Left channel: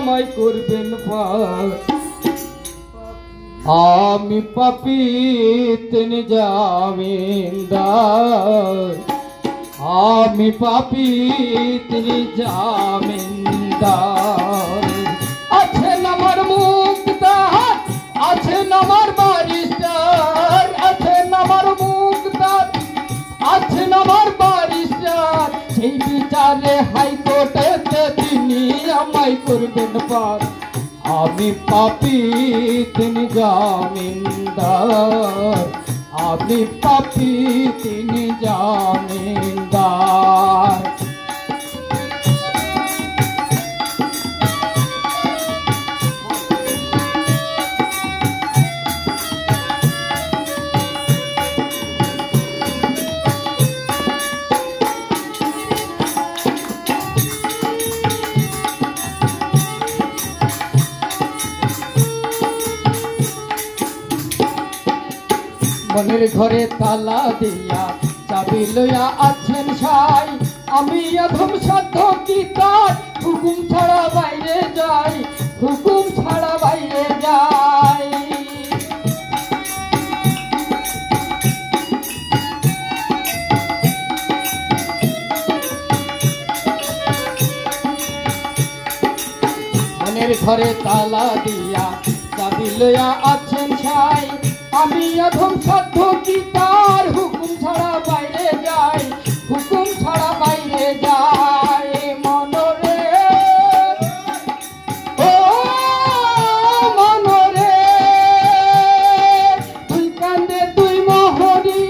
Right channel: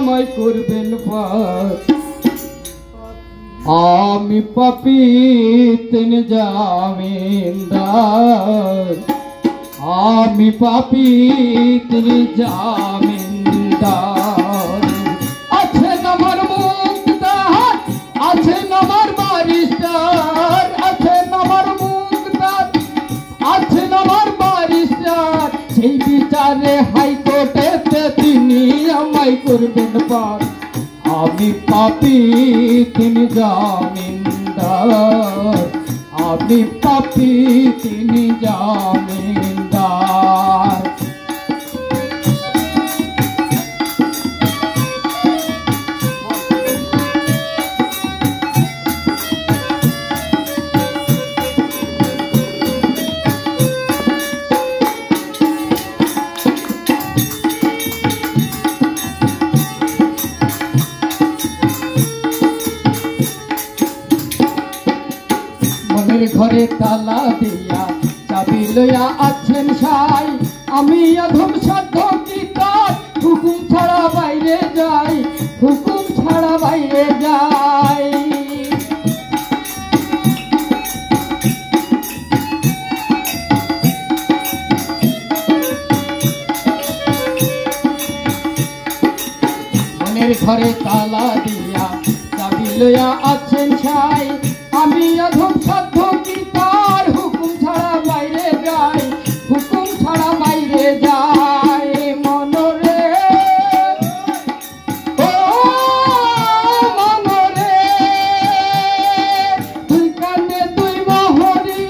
আমায় করবেন পার। আমি পাপী তিনি জামিনদার, আমি পাপী তিনি জামিনদার। আছেন আমার মুক্তার, আছেন আমার বারিস্টার, আছেন আমার মুক্তার, আছেন আমার বারিস্টার। সেই বিচারে হাইকোর্টেতে তিনি আমায় করবেন পার। আমি পাপী তিনি জামিনদার, আমি পাপী তিনি জামিনদার। মনের ঘরে তালা দিয়া চাবি লইয়া আছেন সাই। আমি অধম সাধ্য কি তার হুকুম ছাড়া বাইরে যাই, হুকুম ছাড়া বাইরে যাই। মনের ঘরে তালা দিয়া চাবি লইয়া আছেন সাই। আমি অধম সাধ্য কি তার হুকুম ছাড়া বাইরে যাই, হুকুম ছাড়া বাইরে যাই। মনরে ও মনরে তুই কান্দে তুই মোহরি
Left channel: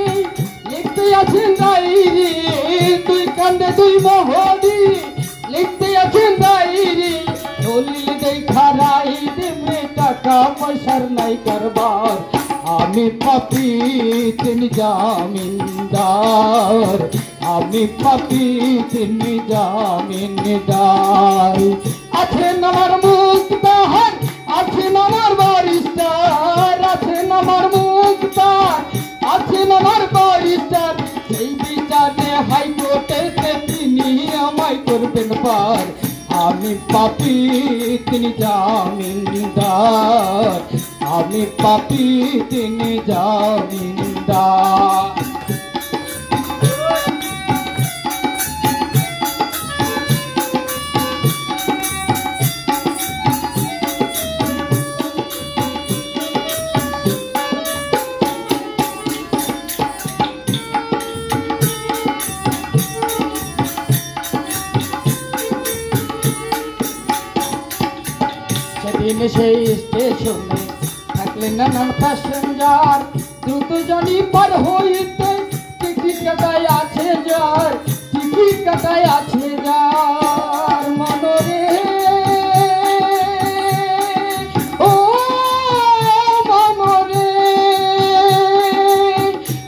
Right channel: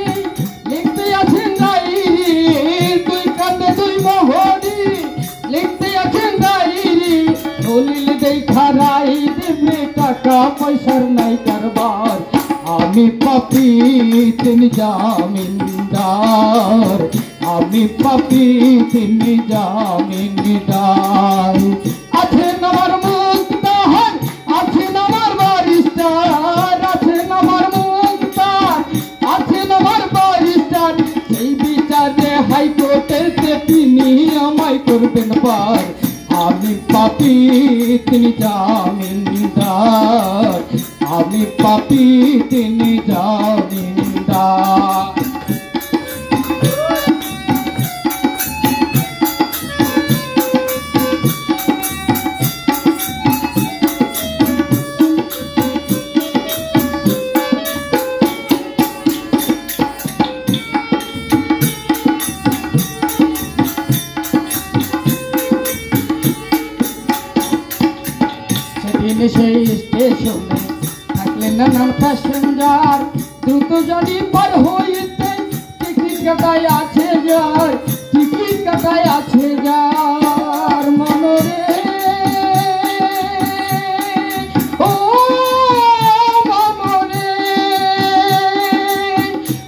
লিখতে আছেন ডায়েরি, তুই কান্দে তুই মোহরি লিখতে আছেন ডায়েরি। দলিল দেখা রাই দেবে টাকা পয়সার নাই কারবার। আমি পাপী তিনি জামিনদার, আমি পাপী তিনি জামিনদার। আছেন আমার মুক্তার, আছেন আমার বারিস্টার, আছেন আমার মুক্তার, আছেন আমার বারিস্টার। সেই বিচারে হাইকোর্টেতে তিনি আমায় করবেন পার। আমি পাপী তিনি জামিনদার, আমি পাপী তিনি জামিনদার। সেদিন সেই স্টেশনে থাকলেন নানান প্যাসেঞ্জার। দ্রুত যদি পার হইতে টিকিট কাটায় আছে যার, টিকিট কাটায় আছে যার। মনরে ও মনরে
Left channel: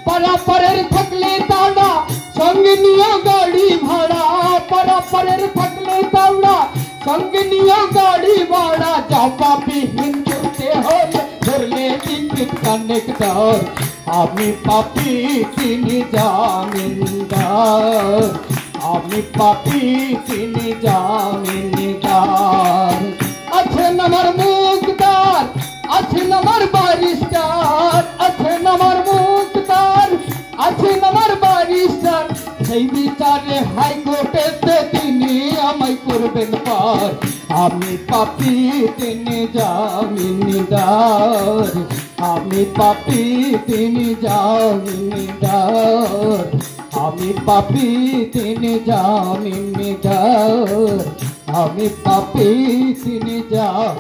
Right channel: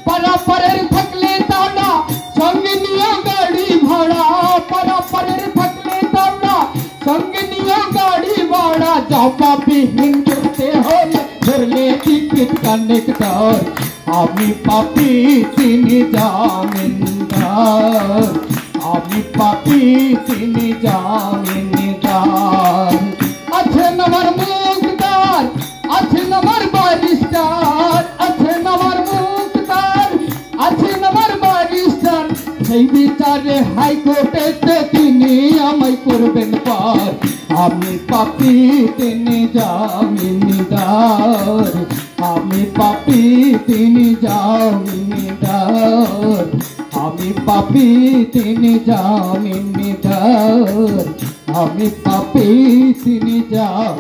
পারাপারের থাকলে তাওনা সঙ্গে নিয়ে গাড়ি ভাড়া, পারাপারের থাকলে তাওনা সঙ্গে নিয়ে গাড়ি ভাড়া। জবাবি হিন্দুতে হলে ধরলে টিকিট কানেক্টর। আমি পাপী তিনি জামিনদার, আমি পাপী তিনি জামিনদার। আছেন আমার মুক্তার, আছেন আমার বারিস্টার, আছেন আমার মুক্তার, আছেন আমার বারিস্টার। সেই বিচারে হাইকোর্টেতে তিনি আমায় করবেন পার। আমি পাপী তিনি জামিনদার, আমি পাপী তিনি জামিনদার, আমি পাপী তিনি জামিনদার, আমি পাপী তিনি জামিনদার।